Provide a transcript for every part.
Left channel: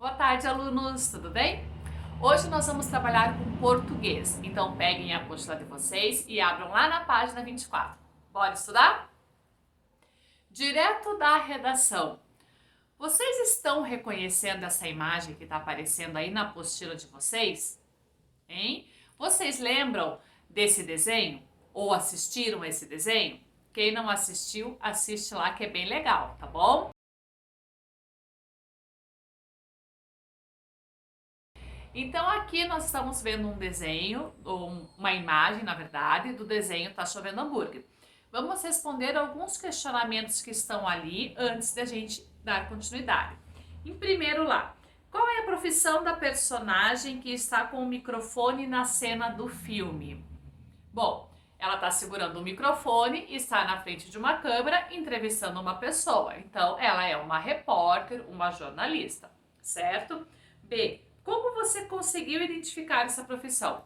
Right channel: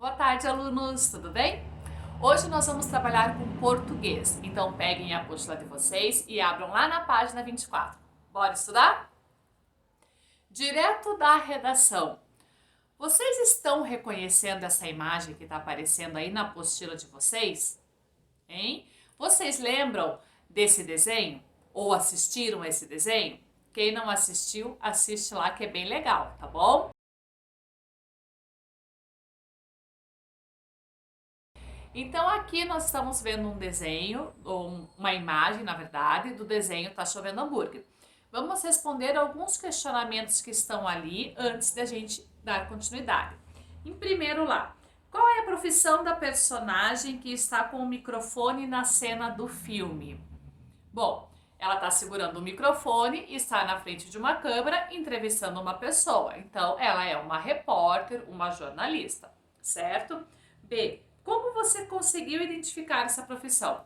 Boa tarde, alunos, tudo bem? Hoje nós vamos trabalhar com português, então peguem a apostila de vocês e abram lá na página 24. Bora estudar? Direto da redação. Vocês estão reconhecendo essa imagem que está aparecendo aí na apostila de vocês? Hein? Vocês lembram desse desenho? Ou assistiram esse desenho? Quem não assistiu, assiste lá que é bem legal, tá bom? Então aqui nós estamos vendo um desenho, ou uma imagem, na verdade, do desenho Tá Chovendo Hambúrguer. Vamos responder alguns questionamentos que estão ali antes da gente dar continuidade. Em primeiro lá, qual é a profissão da personagem que está com o microfone na cena do filme? Bom, ela está segurando o microfone e está na frente de uma câmera entrevistando uma pessoa. Então, ela é uma repórter, uma jornalista, certo? B. Como você conseguiu identificar essa profissão?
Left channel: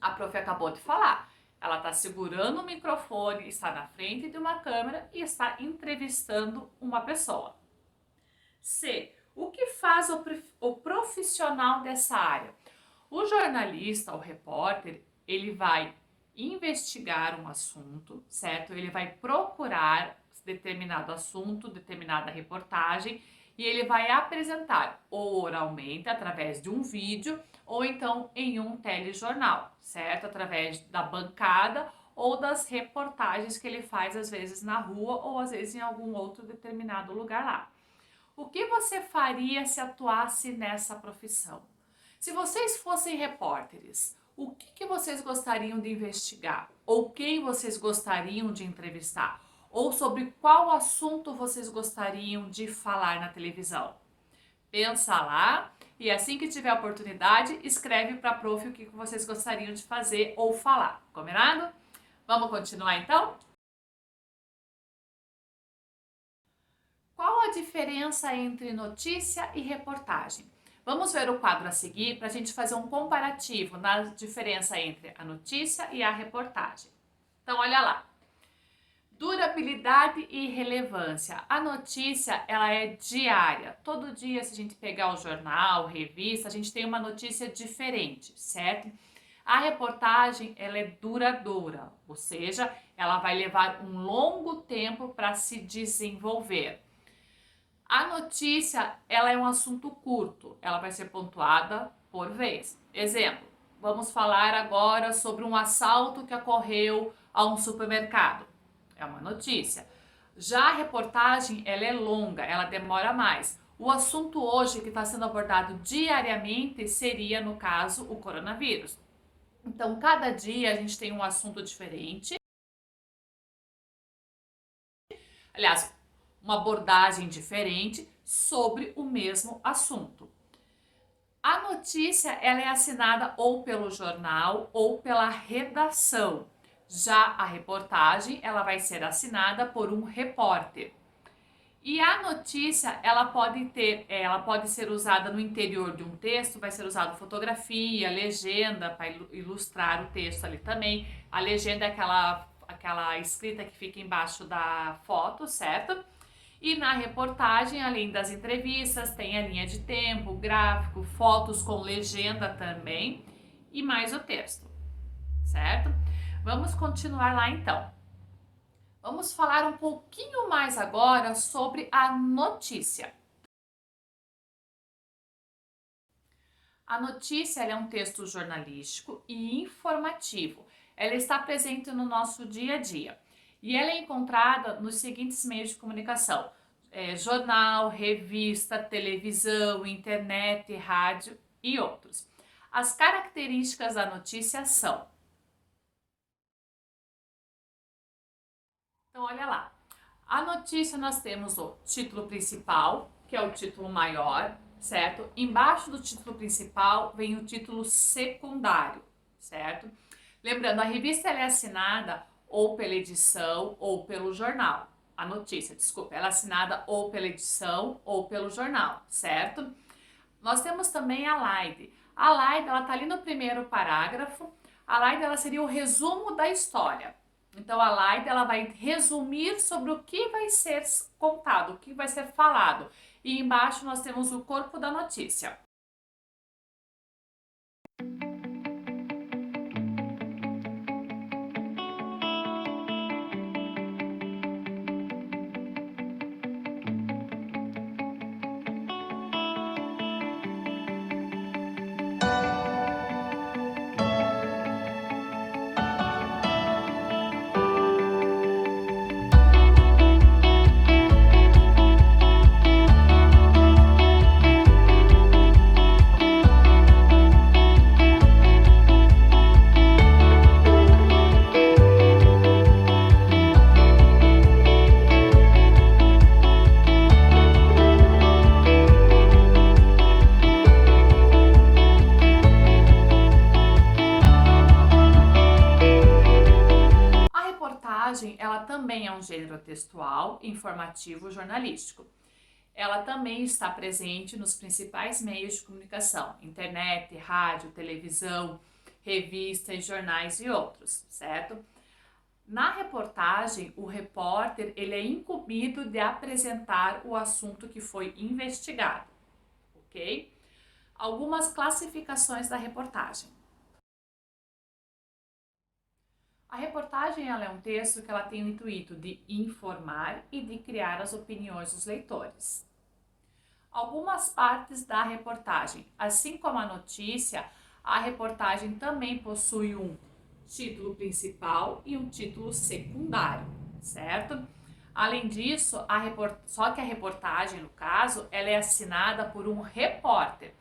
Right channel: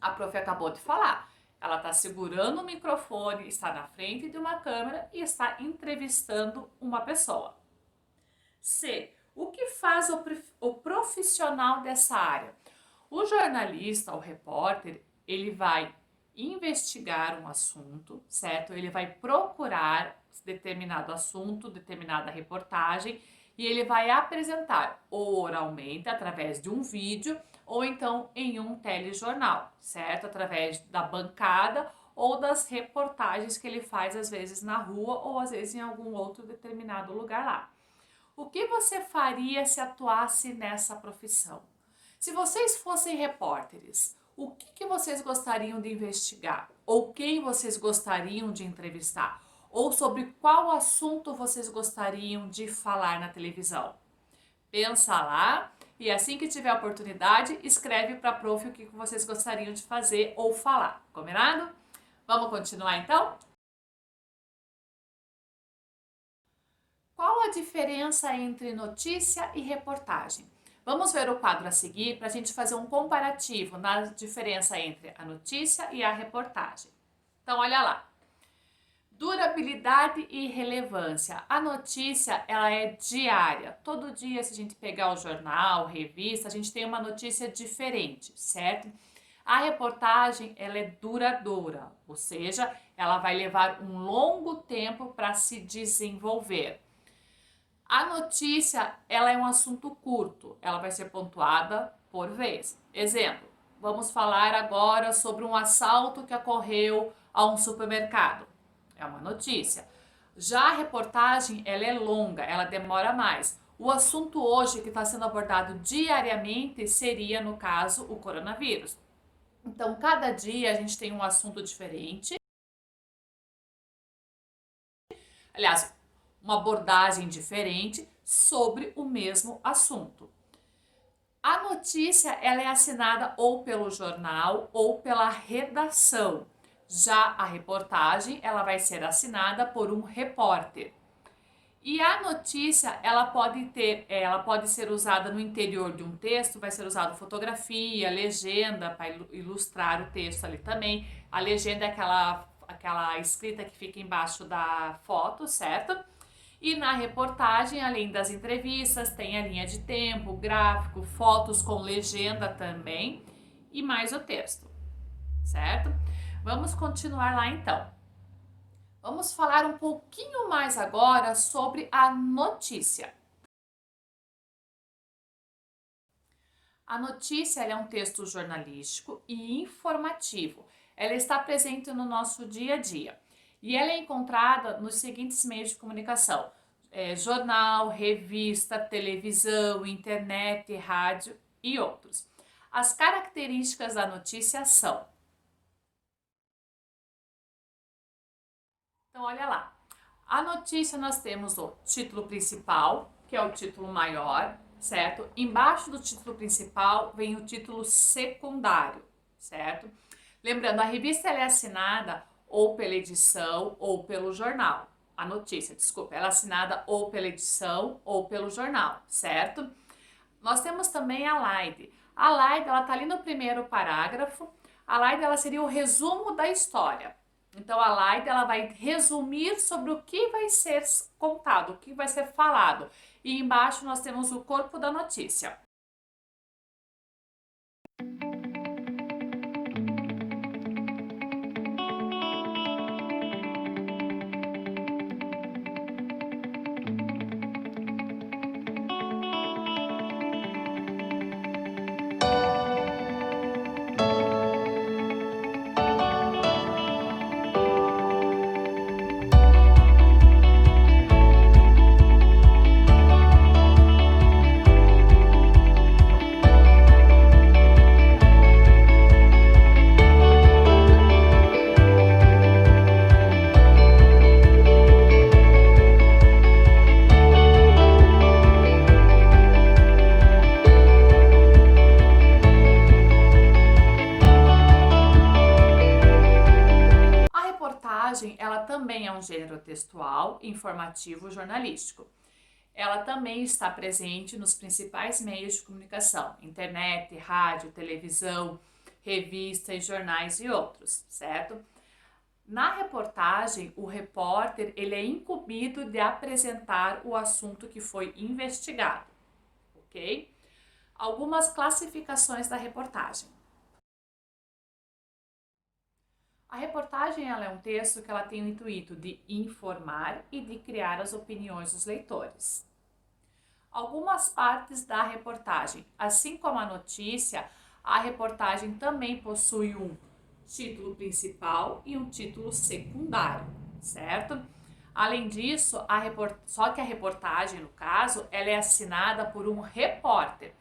A prof acabou de falar. Ela está segurando o microfone, está na frente de uma câmera e está entrevistando uma pessoa. C. O que faz o profissional dessa área? O jornalista, o repórter, ele vai investigar um assunto, certo? Ele vai procurar determinado assunto, determinada reportagem e ele vai apresentar ou oralmente através de um vídeo ou então em um telejornal, certo? Através da bancada ou das reportagens que ele faz às vezes na rua ou às vezes em algum outro determinado lugar lá. O que você faria se atuasse nessa profissão? Se vocês fossem repórteres, o que vocês gostariam de investigar? Ou quem vocês gostariam de entrevistar? Ou sobre qual assunto vocês gostariam de falar na televisão? Pensa lá e assim que tiver oportunidade, escreve para a prof o que vocês gostariam de fazer ou falar. Combinado? Vamos continuar então? Qual a diferença entre notícia e reportagem? Vamos ver o quadro a seguir para a gente fazer um comparativo na diferença entre a notícia e a reportagem. Então, olha lá. Durabilidade e relevância. A notícia, ela é diária. Todo dia, se a gente pegar o jornal, revista, a gente tem uma notícia diferente, certo? A reportagem, ela é duradoura, ou seja, ela vai levar um longo tempo para se desenvolver. A notícia, ela é um assunto curto, ela vai ser pontuada por vez. Exemplo, vamos falar agora sobre um assalto que ocorreu a um supermercado. É uma notícia. Já a reportagem, ela é longa, ela demora mais. O assunto hoje que está sendo abordado diariamente seria, no caso, o coronavírus. Então, cada dia a gente tem um assunto diferente. Aliás, uma abordagem diferente sobre o mesmo assunto. A notícia ela é assinada ou pelo jornal ou pela redação. Já a reportagem ela vai ser assinada por um repórter. E a notícia ela pode ser usada no interior de um texto, vai ser usado fotografia, legenda para ilustrar o texto ali também. A legenda é aquela escrita que fica embaixo da foto, certo? E na reportagem, além das entrevistas, tem a linha de tempo, gráfico, fotos com legenda também e mais o texto, certo? Vamos continuar lá então. Vamos falar um pouquinho mais agora sobre a notícia. A notícia é um texto jornalístico e informativo. Ela está presente no nosso dia a dia e ela é encontrada nos seguintes meios de comunicação: jornal, revista, televisão, internet, rádio e outros. As características da notícia são. Então, olha lá. A notícia nós temos o título principal, que é o título maior, certo? Embaixo do título principal vem o título secundário, certo? Lembrando, a revista ela é assinada ou pela edição ou pelo jornal. A notícia, desculpa, ela é assinada ou pela edição ou pelo jornal, certo? Nós temos também a LIDE. A LIDE, ela tá ali no primeiro parágrafo. A LIDE, ela seria o resumo da história. Então, a LIDE, ela vai resumir sobre o que vai ser contado, o que vai ser falado. e embaixo nós temos o corpo da notícia. A reportagem, ela também é um gênero textual, informativo, jornalístico. Ela também está presente nos principais meios de comunicação, internet, rádio, televisão, revistas, jornais e outros, certo? Na reportagem, o repórter ele é incumbido de apresentar o assunto que foi investigado, ok? Algumas classificações da reportagem. A reportagem ela é um texto que ela tem o intuito de informar e de criar as opiniões dos leitores. Algumas partes da reportagem, assim como a notícia, a reportagem também possui um título principal e um título secundário, certo? Além disso, só que a reportagem, no caso, ela é assinada por um repórter.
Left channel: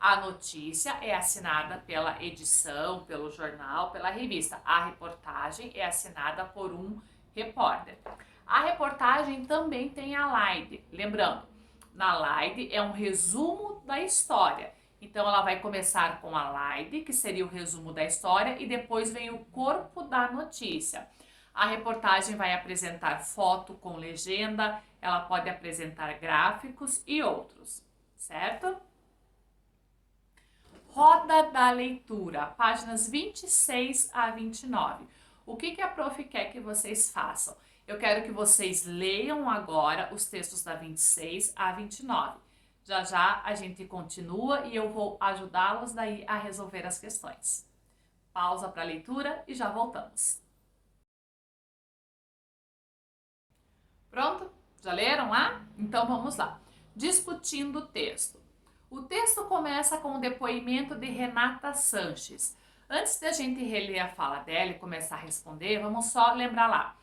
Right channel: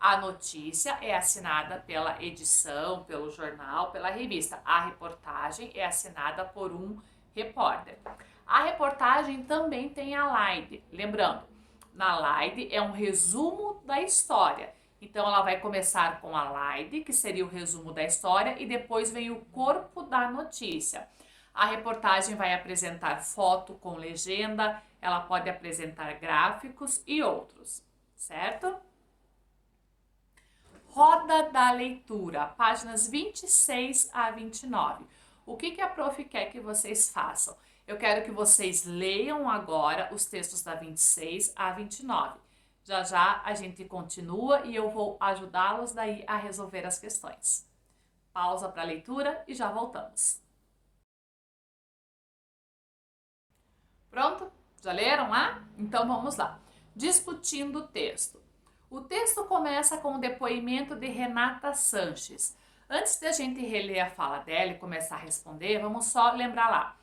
A notícia é assinada pela edição, pelo jornal, pela revista. A reportagem é assinada por um repórter. A reportagem também tem a slide. Lembrando, na slide é um resumo da história. Então, ela vai começar com a slide, que seria o resumo da história, e depois vem o corpo da notícia. A reportagem vai apresentar foto com legenda, ela pode apresentar gráficos e outros, certo? Roda da leitura, páginas 26 a 29. O que a prof quer que vocês façam? Eu quero que vocês leiam agora os textos da 26 a 29. Já já a gente continua e eu vou ajudá-los daí a resolver as questões. Pausa para a leitura e já voltamos. Pronto? Já leram lá? Então vamos lá. Discutindo o texto. O texto começa com o depoimento de Renata Sanches. Antes da gente reler a fala dela e começar a responder, vamos só lembrar lá.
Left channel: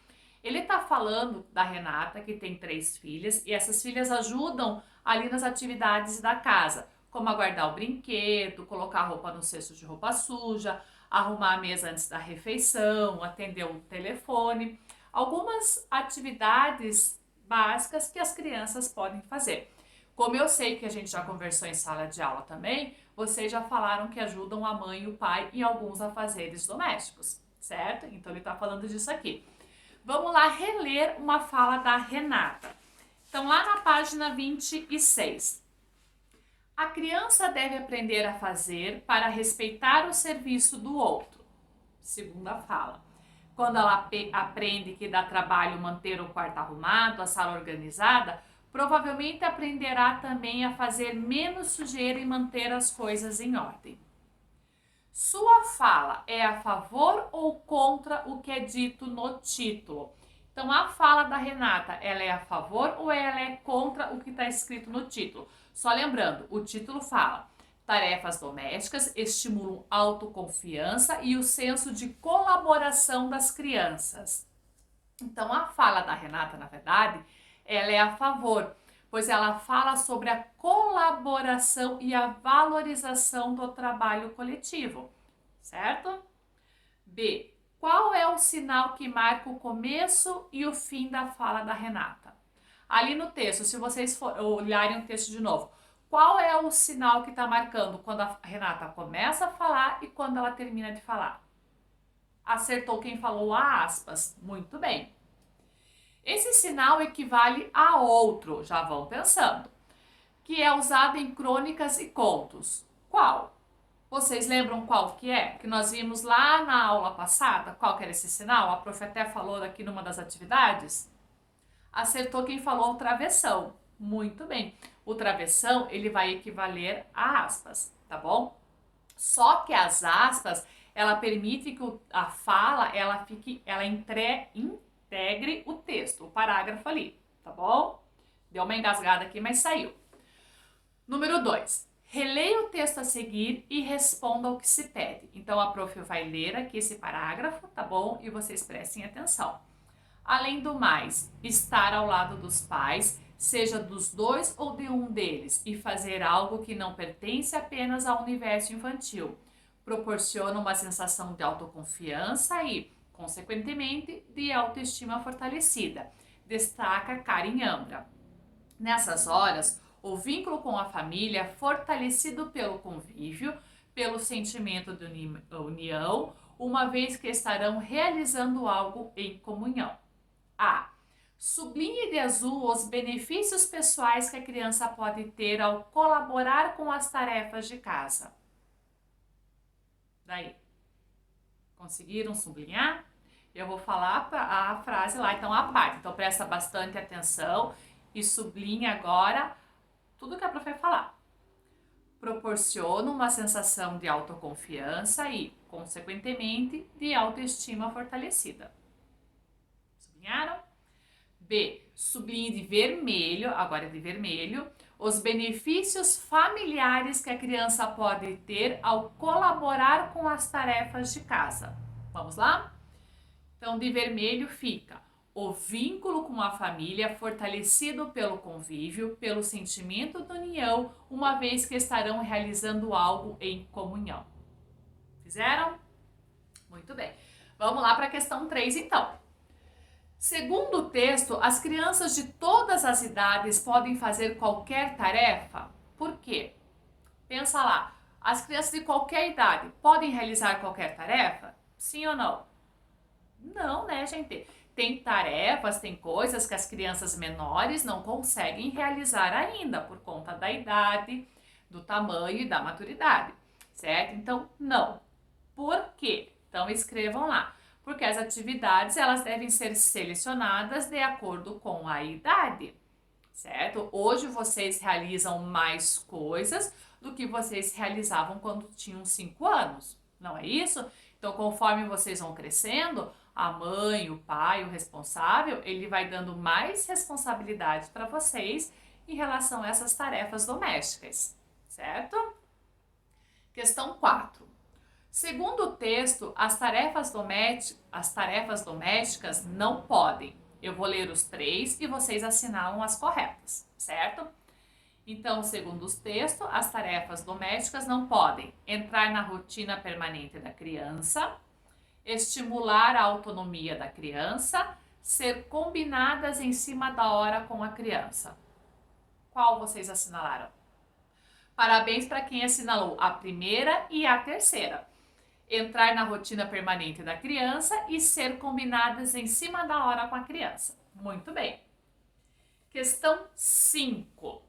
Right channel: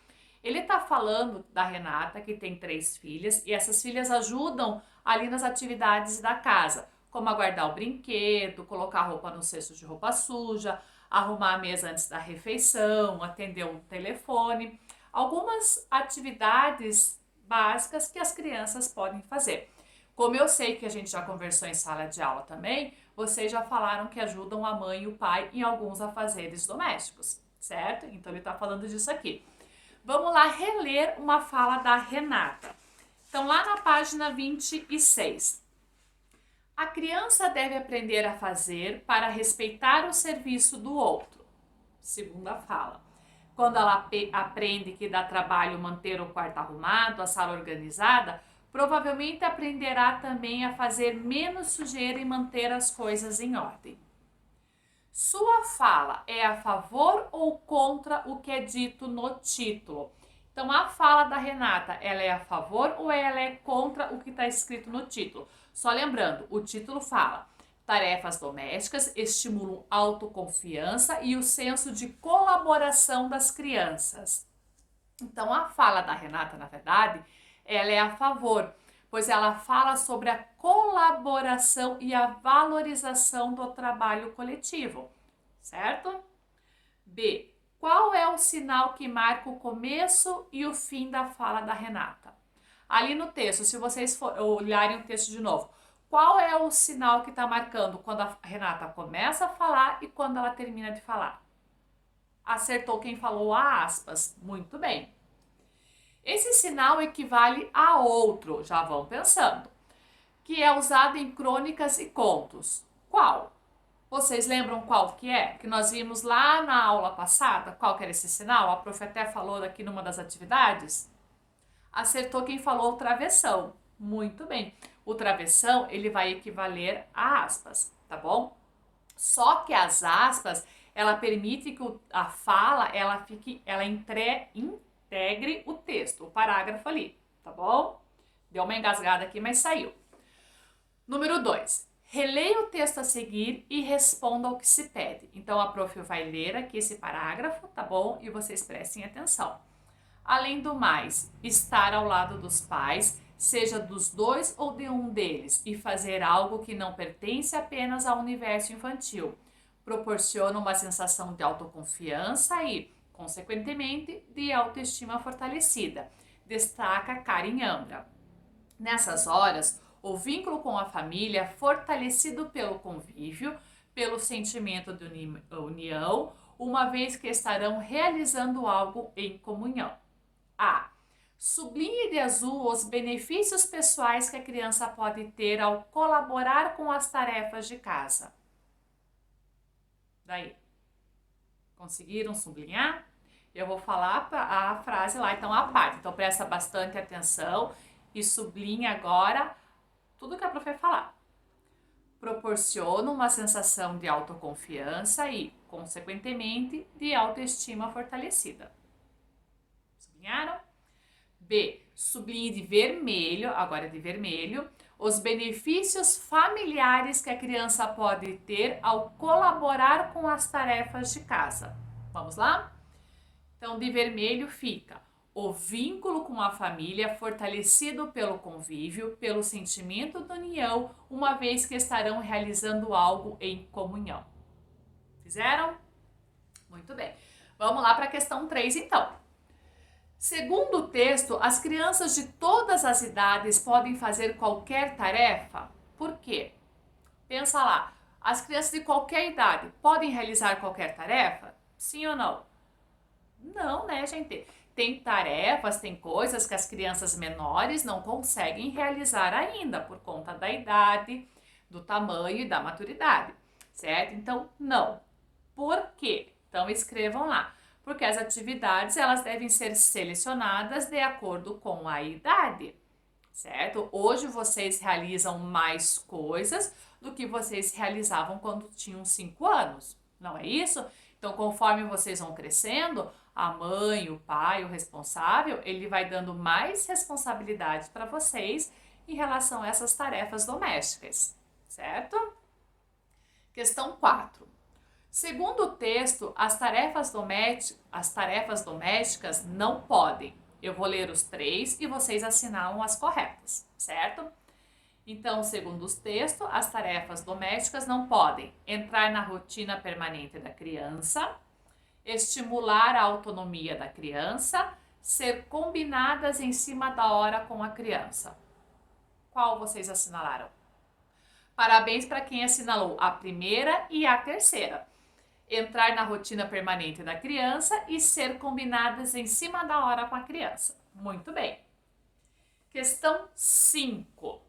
Ele está falando da Renata, que tem 3 filhas, e essas filhas ajudam ali nas atividades da casa, como a guardar o brinquedo, colocar a roupa no cesto de roupa suja, arrumar a mesa antes da refeição, atender o telefone. Algumas atividades básicas que as crianças podem fazer. Como eu sei que a gente já conversou em sala de aula também, vocês já falaram que ajudam a mãe e o pai em alguns afazeres domésticos, certo? Então ele está falando disso aqui. Vamos lá reler uma fala da Renata. Então, lá na página 26. A criança deve aprender a fazer para respeitar o serviço do outro. Segunda fala. Quando ela aprende que dá trabalho manter o quarto arrumado, a sala organizada, provavelmente aprenderá também a fazer menos sujeira e manter as coisas em ordem. Sua fala é a favor ou contra o que é dito no título? Então, a fala da Renata, ela é a favor ou ela é contra o que está escrito no título? Só lembrando, o título fala: tarefas domésticas estimulam autoconfiança e o senso de colaboração das crianças. Então, a fala da Renata, na verdade, ela é a favor, pois ela fala sobre a colaboração e a valorização do trabalho coletivo, certo? B. Qual é o sinal que marca o começo e o fim da fala da Renata? Ali no texto, se vocês olharem o texto de novo, qual é o sinal que está marcando quando a Renata começa a falar e quando ela termina de falar? Acertou quem falou a aspas. Muito bem. Esse sinal equivale a outro, já vão pensando, que é usado em crônicas e contos. Qual? Vocês lembram qual que é? Que nós vimos lá na aula passada? Qual que era esse sinal? A prof até falou aqui numa das atividades. Acertou quem falou travessão. Muito bem. o travessão, ele vai equivaler a aspas, tá bom? Só que as aspas, ela permite que a fala, ela integre o texto, o parágrafo ali, tá bom? Deu uma engasgada aqui, mas saiu. Número 2. Releia o texto a seguir e responda ao que se pede. Então, a prof vai ler aqui esse parágrafo, tá bom? E vocês prestem atenção. Além do mais, estar ao lado dos pais, seja dos dois ou de um deles, e fazer algo que não pertence apenas ao universo infantil, proporciona uma sensação de autoconfiança e, consequentemente, de autoestima fortalecida, destaca Karen Ambra. Nessas horas, o vínculo com a família é fortalecido pelo convívio, pelo sentimento de união, uma vez que estarão realizando algo em comunhão. A. Sublinhe de azul os benefícios pessoais que a criança pode ter ao colaborar com as tarefas de casa. Daí, conseguiram sublinhar? Eu vou falar a frase lá, então a parte. Então presta bastante atenção e sublinha agora tudo que a prof vai falar. Proporciona uma sensação de autoconfiança e, consequentemente, de autoestima fortalecida. Sublinharam? B. Sublinhe de vermelho, agora é de vermelho, os benefícios familiares que a criança pode ter ao colaborar com as tarefas de casa. Vamos lá? Então, de vermelho fica o vínculo com a família fortalecido pelo convívio, pelo sentimento de união, uma vez que estarão realizando algo em comunhão. Fizeram? Muito bem. Vamos lá para a questão 3, então. Segundo o texto, as crianças de todas as idades podem fazer qualquer tarefa? Por quê? Pensa lá, as crianças de qualquer idade podem realizar qualquer tarefa? Sim ou não? Não, né, gente? Tem tarefas, tem coisas que as crianças menores não conseguem realizar ainda por conta da idade, do tamanho e da maturidade, certo? Então, não. Por quê? Então, escrevam lá. Porque as atividades, elas devem ser selecionadas de acordo com a idade, certo? Hoje vocês realizam mais coisas do que vocês realizavam quando tinham 5 anos, não é isso? Então, conforme vocês vão crescendo, a mãe, o pai, o responsável, ele vai dando mais responsabilidades para vocês em relação a essas tarefas domésticas, certo? Questão 4. Segundo o texto, as tarefas domésticas não podem. Eu vou ler os 3 e vocês assinalam as corretas, certo? Então, segundo os textos, as tarefas domésticas não podem entrar na rotina permanente da criança, estimular a autonomia da criança, ser combinadas em cima da hora com a criança. Qual vocês assinalaram? Parabéns para quem assinalou a primeira e a terceira. Entrar na rotina permanente da criança e ser combinadas em cima da hora com a criança. Muito bem. Questão 5.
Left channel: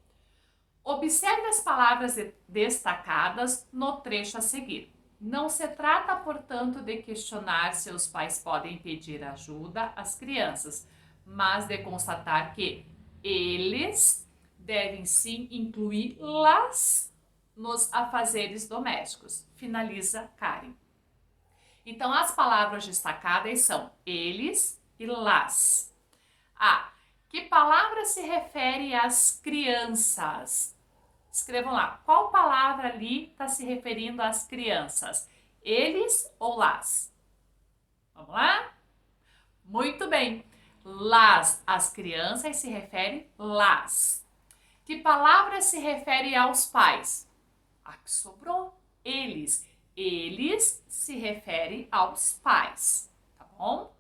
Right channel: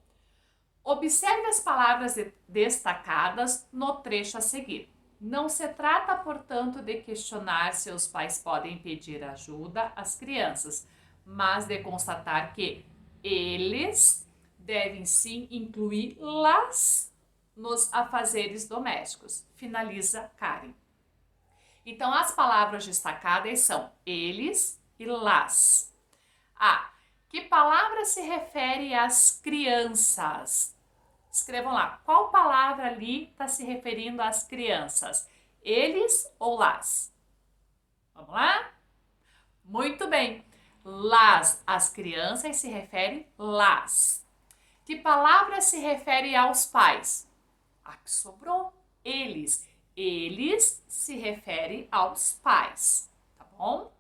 Observe as palavras destacadas no trecho a seguir. Não se trata, portanto, de questionar se os pais podem pedir ajuda às crianças, mas de constatar que eles devem sim incluí-las nos afazeres domésticos. Finaliza Karen. Então, as palavras destacadas são eles e las. A. Que palavra se refere às crianças? Escrevam lá. Qual palavra ali está se referindo às crianças? Eles ou las? Vamos lá? Muito bem. Las, as crianças, se refere las. Que palavra se refere aos pais? A que sobrou. Eles. Eles se refere aos pais, tá bom?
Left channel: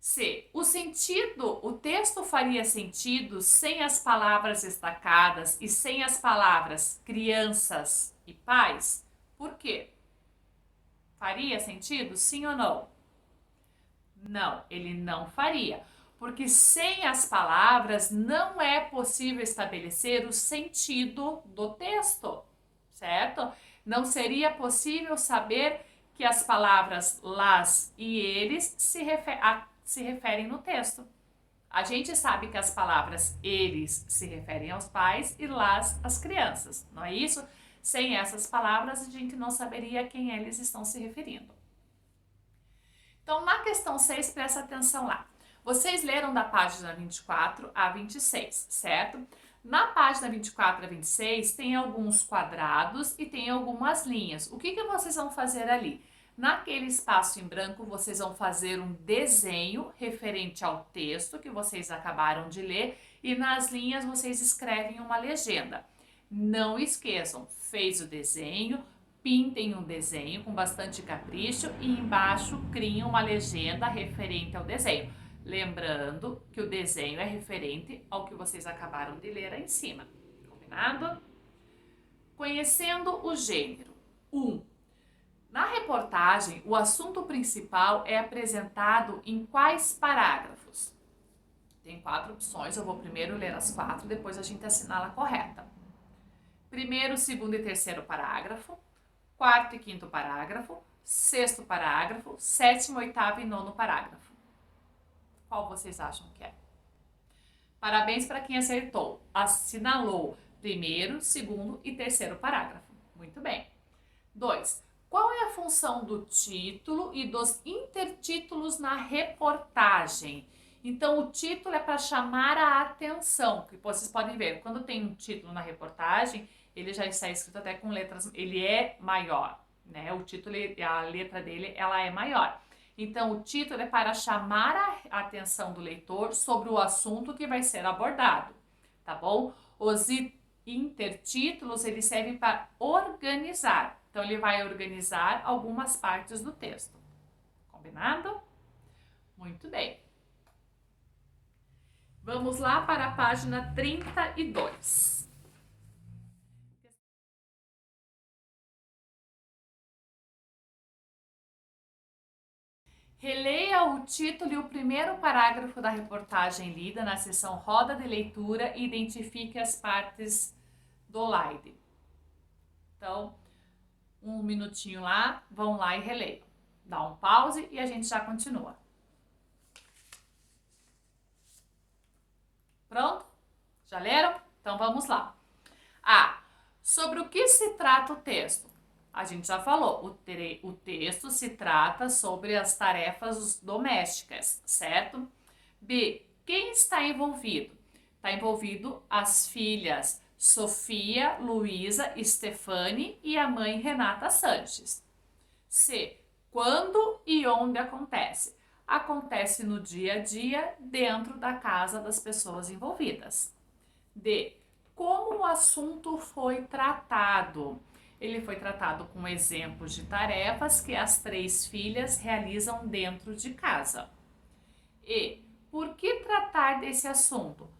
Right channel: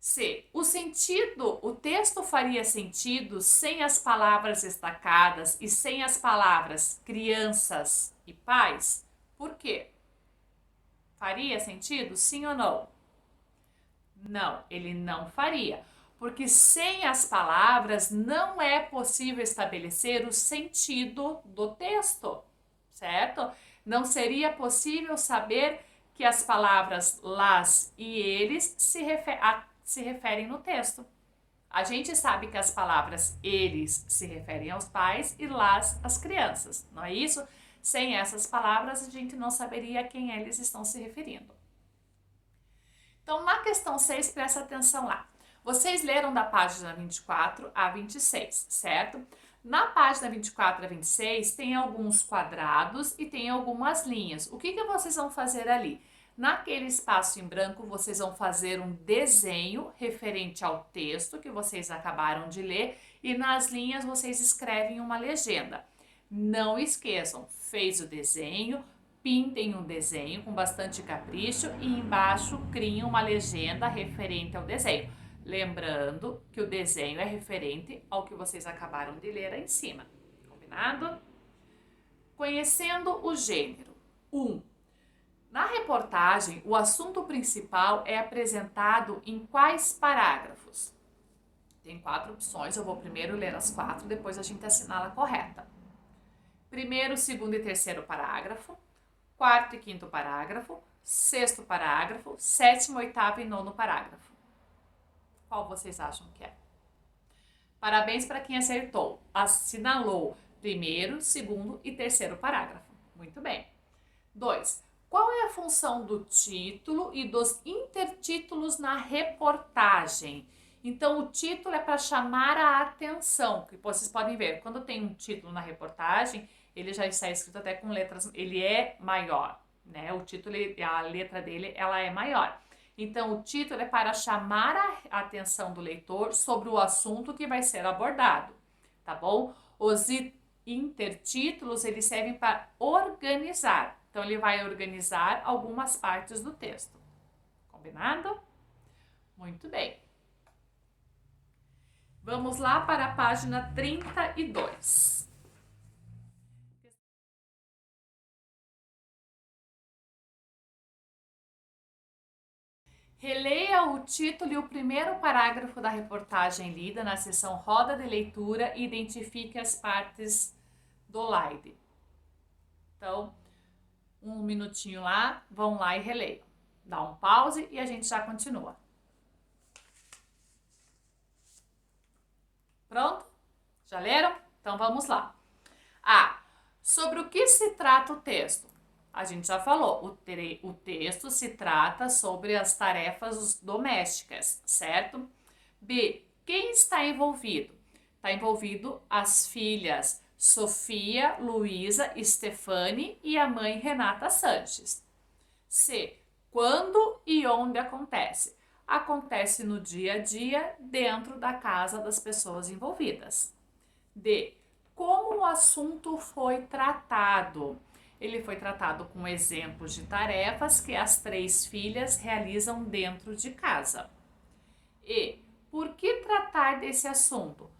C. O texto faria sentido sem as palavras destacadas e sem as palavras crianças e pais? Por quê? Faria sentido, sim ou não? Não, ele não faria, porque sem as palavras não é possível estabelecer o sentido do texto, certo? Não seria possível saber que as palavras las e eles se referem no texto, A gente sabe que as palavras eles se referem aos pais e las às crianças, não é isso? Sem essas palavras, a gente não saberia a quem eles estão se referindo. Então, na questão 6, presta atenção lá. Vocês leram da página 24 a 26, certo? Na página 24 a 26, tem alguns quadrados e tem algumas linhas. O que vocês vão fazer ali? Naquele espaço em branco, vocês vão fazer um desenho referente ao texto que vocês acabaram de ler e nas linhas vocês escrevem uma legenda. Não esqueçam, fez o desenho, pintem um desenho com bastante capricho e embaixo criem uma legenda referente ao desenho. Lembrando que o desenho é referente ao que vocês acabaram de ler aí em cima. Combinado? Conhecendo o gênero. 1. Na reportagem, o assunto principal é apresentado em quais parágrafos? Tem 4 opções, eu vou primeiro ler as 4, depois a gente assinala a correta. Primeiro, segundo e terceiro parágrafo, quarto e quinto parágrafo, sexto parágrafo, sétimo, oitavo e nono parágrafo. Qual vocês acham que é? Parabéns para quem acertou. Assinalou primeiro, segundo e terceiro parágrafo. Muito bem. 2. Qual é a função do título e dos intertítulos na reportagem? Então, o título é para chamar a atenção, que vocês podem ver, quando tem um título na reportagem, ele já está escrito até com letras, ele é maior, né? O título, a letra dele, ela é maior. Então, o título é para chamar a atenção do leitor sobre o assunto que vai ser abordado, tá bom? Os intertítulos, eles servem para organizar. Então, ele vai organizar algumas partes do texto. Combinado? Muito bem. Vamos lá para a página 32. Releia o título e o primeiro parágrafo da reportagem lida na seção Roda de Leitura e identifique as partes do slide. Então, um minutinho lá, vão lá e releiam. Dá um pause e a gente já continua. Pronto? Já leram? Então vamos lá. Sobre o que se trata o texto? A gente já falou, o texto se trata sobre as tarefas domésticas, certo? B, quem está envolvido? Está envolvido as filhas Sofia, Luísa, Stefane e a mãe Renata Sanches. C, quando e onde acontece? Acontece no dia a dia dentro da casa das pessoas envolvidas. D, como o assunto foi tratado? Ele foi tratado com exemplos de tarefas que as 3 filhas realizam dentro de casa. E, por que tratar desse assunto?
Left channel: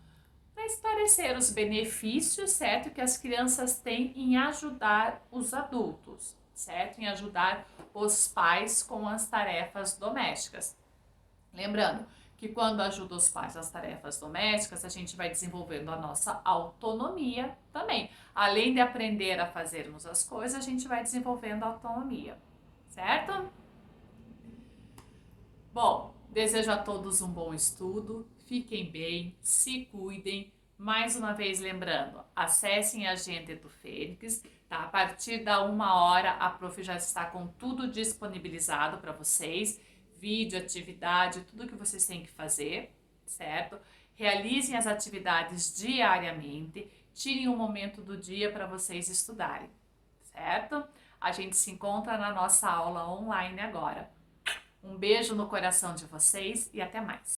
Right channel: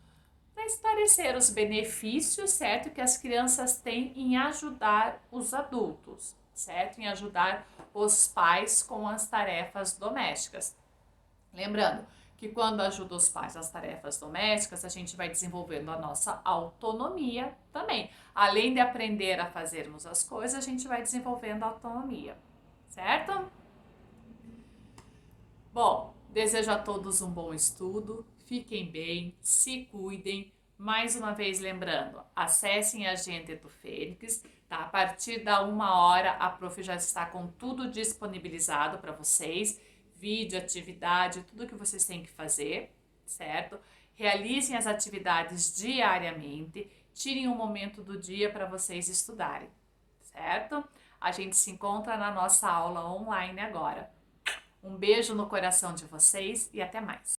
Para esclarecer os benefícios, certo, que as crianças têm em ajudar os adultos, certo? Em ajudar os pais com as tarefas domésticas. Lembrando que quando ajuda os pais nas tarefas domésticas, a gente vai desenvolvendo a nossa autonomia também. Além de aprender a fazermos as coisas, a gente vai desenvolvendo a autonomia, certo? Bom, desejo a todos um bom estudo, fiquem bem, se cuidem. Mais uma vez lembrando, acessem a agenda do Fênix, tá? A partir da 1h, a prof já está com tudo disponibilizado para vocês. Vídeo, atividade, tudo que vocês têm que fazer, certo? Realizem as atividades diariamente, tirem um momento do dia para vocês estudarem, certo? A gente se encontra na nossa aula online agora. Um beijo no coração de vocês e até mais!